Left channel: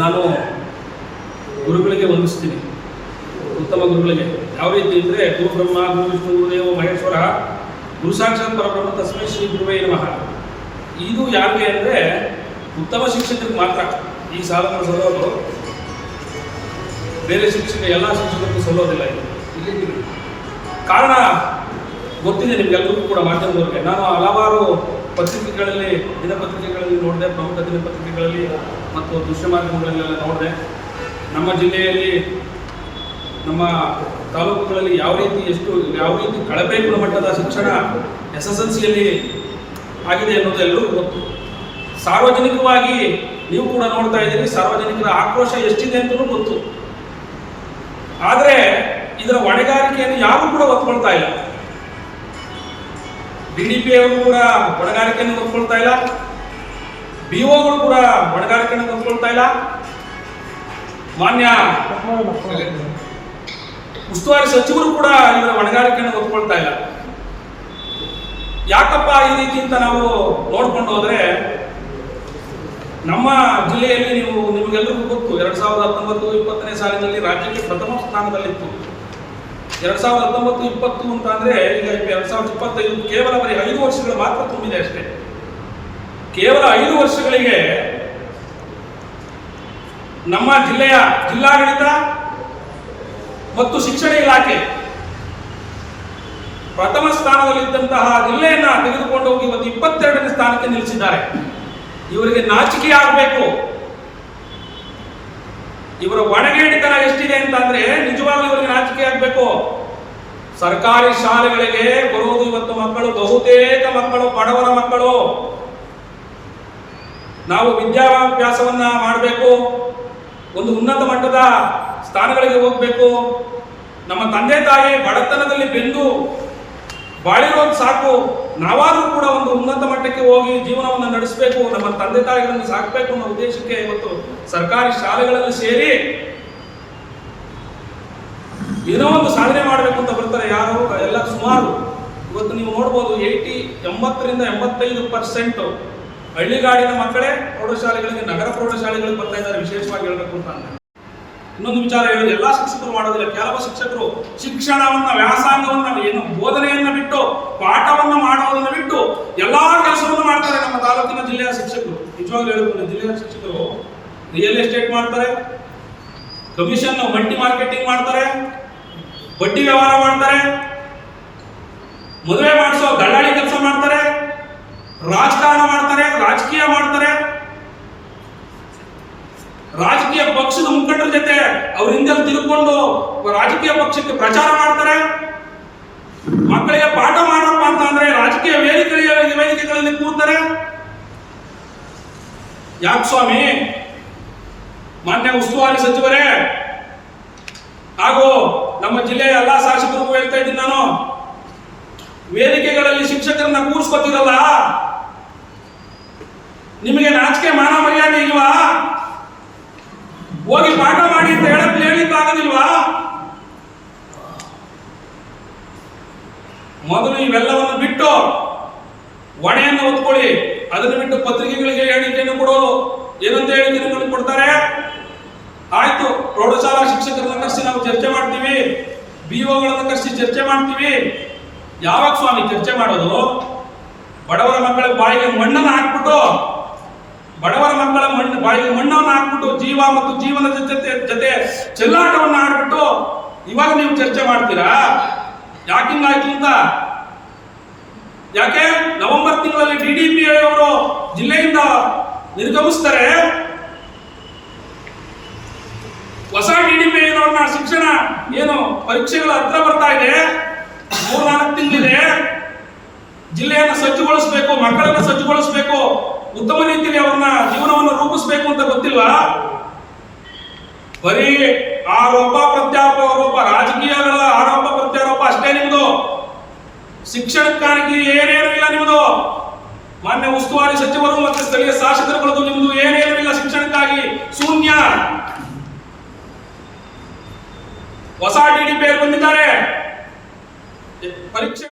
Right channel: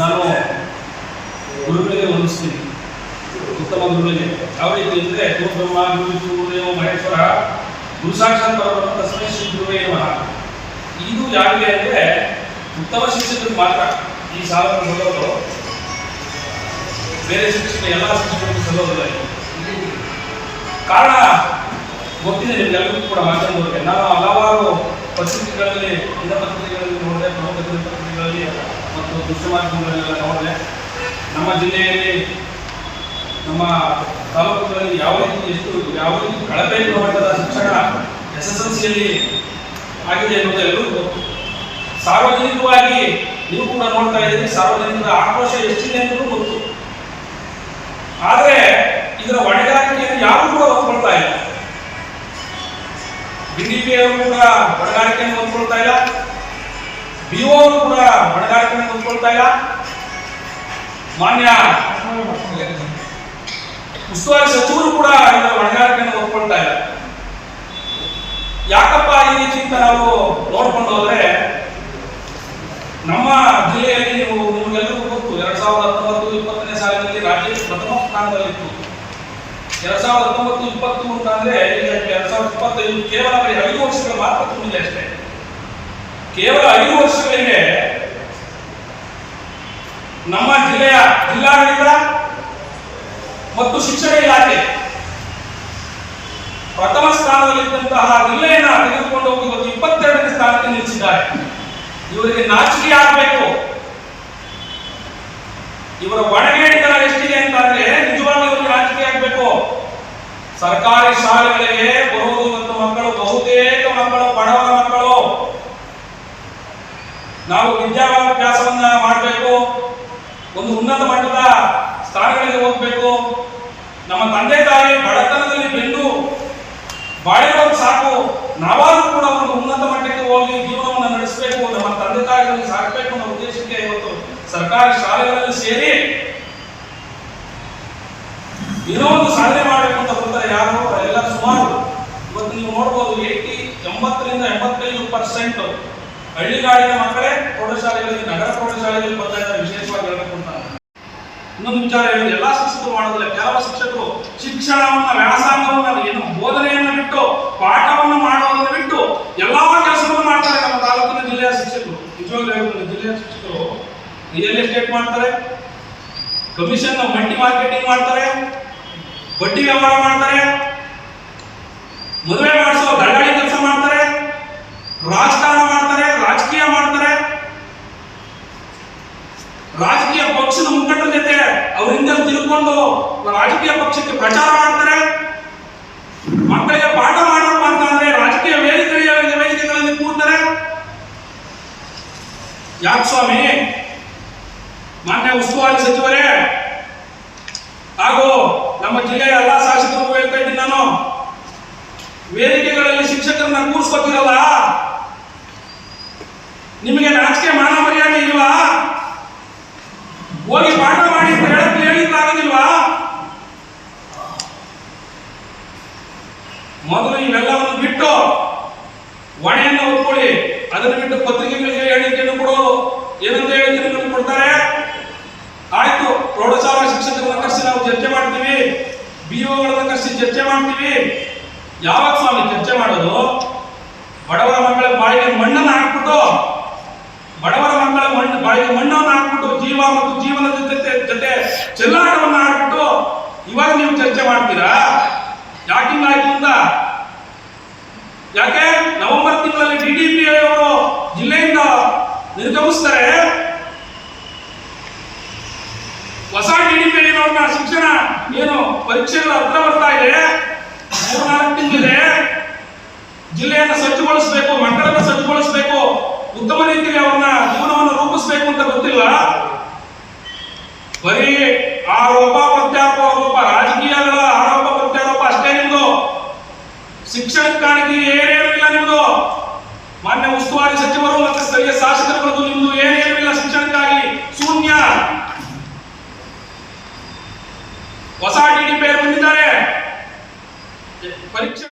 ನಾನು ಗುರುಗಳಿಗೆ ವಂದಿಸ್ತೀನಿ. ಉತ್ತಮ ಗುರುಗಳಿಗೆ. ಯಾವ ರೀತಿ ಅಂದರೆ, ಗುರು ಬ್ರಹ್ಮ, ಗುರು ಗುರುದೇವ ಮಹೇಶ್ವರ, ಗುರು ಸಾಕ್ಷಾತ್ ಪರಬ್ರಹ್ಮ ತಸ್ಮೈ ಶ್ರೀ ಗುರುವೇ ನಮಃ. ಇದು ಯಾರಿಗೆ ಅಂದರೆ, ಉತ್ತಮ ಶಿಕ್ಷಕರಿಗೆ ಮಾತ್ರ. ಈ ಸಾಲ ಸಲ್ಲೋದು. ಬೇರೆ ಶಿಕ್ಷಕ ಎಲ್ಲ ಶಿಕ್ಷಕರಿಗೂ ಸಲ್ಲೋದಿಲ್ಲ ಕಾರಣ ಗೊತ್ತಿದೆ ನಿಮ್ಗೆಲ್ಲರಿಗೂ ಕೂಡ ಮಾತಾಡೋದಕ್ಕೆ ನಾನು ಹಲವಾರು ಪತ್ರಿಕೆಗಳಲ್ಲಿ, ದಿನಪತ್ರಿಕೆಗಳಲ್ಲಿ ನೋಡಿದೆ, ಪ್ರಮುಖ ದಿನಪತ್ರಿಕೆಗಳಲ್ಲಿ ಮತ್ತು ದೃಶ್ಯ ಮಾಧ್ಯಮಗಳಲ್ಲೆಲ್ಲ ನೋಡಿದೆ, ನಮ್ಮ ಜಿಲ್ಲೆಯಲ್ಲಿ ನಮ್ಮ ತಾಲೂಕುಗಳಲ್ಲಿ ಯಾವ ರೀತಿ ಎಷ್ಟು, ಯಾವ ರೀತಿ ಕಳಪೆ ಗುಣಮಟ್ಟದ ಶಿಕ್ಷಣ ಎಸ್ ಎಸ್ ಎಲ್ ಸಿಯಲ್ಲಿ ಆಗಿದೆ ಅನ್ನೋದು ಎಲ್ಲರೂ ಗೊತ್ತು. ಸಾರ್ವಜನಿಕವಾಗಿ ನೀವು ಕೂಡ ನೋಡ್ತಾ ಇದ್ದೀರಿ, ಸಾರ್ವಜನಿಕರ ಆಕ್ರೋಶ ಎಷ್ಟಿದೆ ಅಂತಲೂ ಗೊತ್ತು. ಆದರೆ ಇದರ ಹೊಣೆಗಾರಿಕೆಯನ್ನು ಯಾರು ಕೂಡ ಒಪ್ಕೊಳ್ತಾ ಇಲ್ಲ. ಡಿ ಡಿ ಕೂಡ ಹೊಣೆಗಾರಿಕೆಯನ್ನು ಒಪ್ಕೊಳ್ತಾ ಇಲ್ಲ. ಅವರು ಕೂಡ ಹೊಣೆಗಾರಿಕೆಯನ್ನು ಒಪ್ಕೊಳ್ತಾ ಇಲ್ಲ. ಮಾನ್ಯ ಉಸ್ತುವಾರಿ ಸಚಿವರು ಕೂಡ ಇದರ ಹೊಣೆಗಾರಿಕೆಯನ್ನು ಒತ್ಕೊಳ್ತಾ ಇಲ್ಲ. ಯಾಕಪ್ಪ ಈ ರೀತಿ ಅಂತ ನಾವು ನೋಡ್ಕೊಂಡು ಹೋದ್ರೆ ನಮ್ಮ ಜಿಲ್ಲೆಯಲ್ಲಿ ನೀವು ನಿಮಗೆಲ್ಲರಿಗೂ ಗೊತ್ತು, ಎರಡ್ ಸಾವಿರದ ಹತ್ತೊಂಬತ್ತು ಇಪ್ಪತ್ತನೇ ಸಾಲಿನಲ್ಲಿ ರಾಜ್ಯಕ್ಕೆ ಪ್ರಥಮ ಸ್ಥಾನದಲ್ಲಿತ್ತು. ಎರಡ್ ಸಾವಿರದ ಹತ್ತೊಂಬತ್ತು ಇಪ್ಪತ್ತು ಅಂತ ಅಂದ್ರೆ ಈಗ ಎರಡ್ ಸಾವಿರದ ಇಪ್ಪತ್ತೈದು ಕೇವಲ ಐದು ವರ್ಷಗಳು ಮಾತ್ರ ತುಂಬಿದೆ ಅಷ್ಟೇ. ಕೇವಲ ಐದು ವರ್ಷಗಳಿಗೆ ನಮ್ಮ ಜಿಲ್ಲೆಯ ಜಿಲ್ಲಾಡಳಿತ ಮತ್ತು ಶಿಕ್ಷಣ ಇಲಾಖೆ ಪ್ರಥಮ ಸ್ಥಾನದಲ್ಲಿದ್ದಂತಹ ಜಿಲ್ಲೆಯನ್ನ ತೆಗೆದುಕೊಂಡು ಹೋಗಿ ಇವತ್ತು ಇಪ್ಪತ್ತೆರಡನೇ ಸ್ಥಾನಕ್ಕೆ ನಿಲ್ಲಿಸಿದ್ದಾರೆ. ಇವರಿಗೆ ನಾಚಿಕೆ ಆಗಬೇಕು. ಇವರ ಒಣಗೇಡಿತನ ಎಷ್ಟಿದೆ ಅಂತಂದ್ರೆ ನಿಜವಾಗ್ಲೂ ಇವರಿಗೆ ನಾಚಿಕೆ ಆಗಬೇಕು. ಸರ್ಕಾರಿ ಶಾಲೆಗಳಿಗೆ ಬರುವುದು ಇವತ್ತು ಮಕ್ಕಳು ಬಹುತೇಕ ಮಕ್ಕಳು, ಬಡವರ ಮಕ್ಕಳು. ನಾವು ವಿದ್ಯಾಭ್ಯಾಸವನ್ನ ಮಾಡಬೇಕು. ಒಂದು ಉನ್ನತ ಮಟ್ಟದ ಸ್ಥಾನಗಳಿಗೆ ಹೋಗ್ಬೇಕು. ನಮ್ಮ ತಂದೆ ತಾಯಿ ಬಡತನದಲ್ಲಿ ಬೆಂದು ಬಾಳಿರೋದು ಸಾಕು. ನಾವಾದರೂ ಕೂಡ ಒಂದು ಉನ್ನತ ಮಟ್ಟಕ್ಕೆ ಹೋಗಿ ಜೀವನವನ್ನು ನಡೆಸಬೇಕು. ನಮ್ಮ ತಂದೆ ತಾಯಿಗಳನ್ನು ಸಾಕಬೇಕು ಅನ್ನೋ ಉದ್ದೇಶಕ್ಕೆ ಇವತ್ತು ಸರ್ಕಾರಿ ಶಾಲೆಗಳಲ್ಲಿ ಸೇರಿ ಏನೋ ಒಂದು ಸಾಧನೆ ಮಾಡಬೇಕು ಅಂತ ಬರ್ತಾರೆ ಯಾರು? ಎಲ್ಲ ಸುಮಾರು. ಇವತ್ತು ನೀವು ನೋಡ್ಬೋದು ಏಟಿ ಎಂಬತ್ತರಿಂದ ಎಂಬತ್ತೈದು ಪರ್ಸೆಂಟ್ ಹಳ್ಳಿಗಾಡಿನ ಮಕ್ಕಳೇ ಪ್ರೌಢಶಾಲೆಗಳಿಗೆ, ನಗರ ಪ್ರೌಢಶಾಲೆಗಳಿಗೆ ಬರ್ತಾ ಇದ್ದಾರೆ, ವಿಶೇಷವಾಗಿ ಹೇಳಬೇಕು ಅಂತ ನಾನು. ಇನ್ನೊಂದು ವಿಚಾರ ಹೇಳೋದು, ಎಲ್ಲಾ ಶಿಕ್ಷಕರು ಮಾಡೋದಿಲ್ಲ ಕೆಲವು ಶಿಕ್ಷಕರು ಶಿಕ್ಷಣವನ್ನ, ವ್ಯಾಸಂಗವನ್ನ ಏನು ಬೋಧನೆಯನ್ನ ಬಿಟ್ಟು, ಪಾಠವನ್ನ ಮಾಡೋದನ್ನ ಬಿಟ್ಟು, ಎಲ್ಲಾ ಕೆಲಸವನ್ನು ಮಾಡ್ತಾರೆ ನಮ್ಮ ತಾಲೂಕಿನ ಜಿಲ್ಲೆಯ ಶಿಕ್ಷಕರು ನಿಜವಾಗ್ಲೂ ಹೇಳ್ಬೋದು ಜಿಲ್ಲೆಯ ಶಿಕ್ಷಕರು ರಿಯಲ್ ಎಸ್ಟೇಟ್ ಮಾಡ್ತಾರೆ ಕಮಿಷನ್ ಮಲ್ಟಿ ಮಾರ್ಕೆಟಿಂಗ್ ಮಾಡ್ತಾರೆ, ಬಡ್ಡಿ ವ್ಯವಹಾರ ಮಾಡ್ತಾರೆ, ಮದುವೆ ಮಾಡಿಸೋ ದಳ್ಳಾಳಿ ಕೆಲಸ ಮಾಡ್ತಾರೆ, ರಾಜಕಾರಣ ಮಾಡ್ತಾರೆ ರಾಜಕೀಯ ಮಾಡ್ತಾರೆ? ರಾಜಕೀಯ ಪಕ್ಷದ ಮುಖಂಡರ ಜೊತೆ ಅವ್ರ ಹಿಂದೆ ತಿಳ್ಕೊಂಡು ರಾಜಕೀಯ ಪಕ್ಷಕ್ಕೆ ಪ್ರಚಾರ ಮಾಡ್ತಾರೆ? ಮಕ್ಕಳಿಗೆ ಪಾಠ ಮಾಡಪ್ಪ ಅಂತ ಅಂದ್ರೆ ರಾಜಕೀಯ ವೇದಿಕೆಯ ವೇದಿಕೆಗಳಲ್ಲಿ ಕೂರ್ತಾರೆ ಯಾಕೆ ಸ್ವಾಮಿ? ಮಾನ್ಯ ಉಸ್ತುವಾರಿ ಸಚಿವರೇ, ಹಾಗೂ ನಮ್ಮ ಜಿಲ್ಲೆಯ ಎಲ್ಲಾ ಶಾಸಕರು ಹೇಳ್ತಾ ಇದ್ದೀನಿ ನಾನು, ವೇದಿಕೆಗಳಲ್ಲಿ ಶಿಕ್ಷಕರನ್ನ ಕೂರಿಸ್ಕೊತೀರಲ್ಲ? ನಿಮಗೆ ನಾಚಿಕೆ ಮಾನ ಮರ್ಯಾದೆ ಇಲ್ವಾ? ಹೋಗಿ ಪಾಠ ಮಾಡಿ ಅಂತ ಹೇಳಕ್ ಹೇಳಿದ್ದಾಗೋದಿಲ್ವಾ ಮೊದಲು ಇವೆಲ್ಲವನ್ನು ಬಿಟ್ಟು ಹೊಣೆಯನ್ನು ಹೊತ್ಕೊಳ್ಳಿ. ಅದನ್ನು ಬಿಟ್ಟು ಪತ್ರಿಕೆಗಳಿಗೆ ಹೇಳಿಕೆಯನ್ನು ಕೊಡೋದು. ಏನಂತ ಹೇಳಿಕೆಯನ್ನು ಕೊಡ್ತಾರೆ? ಆಯ್ತು, ಪ್ರೌಢಶಾಲಾ ಶಿಕ್ಷಕರನ್ನ ಕರೆಸಿ ನಾವು ಚರ್ಚೆ ಮಾಡ್ತೀವಿ. ಬಿಒಗಳನ್ನ ಕರೆಸಿ ಚರ್ಚೆ ಮಾಡ್ತೀವಿ. ಯಾವಾಗ ಸ್ವಾಮಿ ಚರ್ಚೆ ಮಾಡೋದು? ಬಡವರ ಮಕ್ಕಳ ಬಾಯಿಗೆ ಮಣ್ಣನ್ನು ಹಾಕ್ಬಿಟ್ಟು ಬಡವರ ಮಕ್ಕಳ ಮಣ್ಣು, ಬಾಯಿ ಮಣ್ಣವನ್ನು ಹಾಕ್ಬಿಟ್ಟು ಜೀವ ಮತ್ತು ಜೀವನದ ಜೊತೆ ಜೊತೆ ಚೆಲ್ಲಾಟವನ್ನು ಆಡ್ಬಿಟ್ಟು ಇವಾಗ ನೀವು ಚರ್ಚೆ ಮಾಡ್ತೀರಾ? ಯಾಕಿಂಗಾಯ್ತು ಅಂತ? ಯಾಕೆ? ನವೆಂಬರ್ ತಿಂಗಳಲ್ಲಿ ಡಿ ಡಿ ಪಿ ಅವರು ಜಿಲ್ಲೆಯಿಂದ ನಿರ್ಗಮಿಸ್ತಾರೆ. ಹೊಸ ಡಿ ಡಿ ಪಿ ಅವ್ರನ್ನ ಶಿಕ್ಷಣ ಏನು ಪರೀಕ್ಷೆಗಳ ಹತ್ರ ಬರ್ತಾ ಇದೆ. ಮೂರ್ನಾಲ್ಕು ತಿಂಗಳಿದೆ. ಜಿಲ್ಲೆಯನ್ನು ಸಜ್ಜುಗೊಳಿಸಬೇಕು, ಮಕ್ಕಳನ್ನು ಸಜ್ಜುಗೊಳಿಸಬೇಕು. ಉತ್ತಮ ರೀತಿಯಲ್ಲಿ ಅವನ ಜೀವನವನ್ನು ರೂಪಿಸಬೇಕು ಅಂತ ಗೊತ್ತಿಲ್ಲ. ಬರೀ ಆರೋಪ, ಪ್ರತ್ಯಾರೋಪ ರಾಜಕೀಯಗಳ ಆರೋಪ, ಪ್ರತ್ಯಾರೋಪ ಅಷ್ಟೇ ನಿಮ್ದು. ಶಿಕ್ಷಣಕ್ಕಾಗಿ ಏನೇನೂ ಇಲ್ಲ ನಿಮ್ದು. ಮಾನ್ಯ ಉಸ್ತುವಾರಿ ಸಚಿವರು ಮತ್ತು ಸ್ಥಳೀಯ ಶಾಸಕರು ನಿಮ್ದು ಏನೇನೂ ಇಲ್ಲ ಶಿಕ್ಷಣಕ್ಕಾಗಿ. ಶೂನ್ಯ. ಹೊಸ ಡಿಡಿ ಪೇರ್ ಬಂದಿದ್ದಾರೆ. ಪರೀಕ್ಷೆ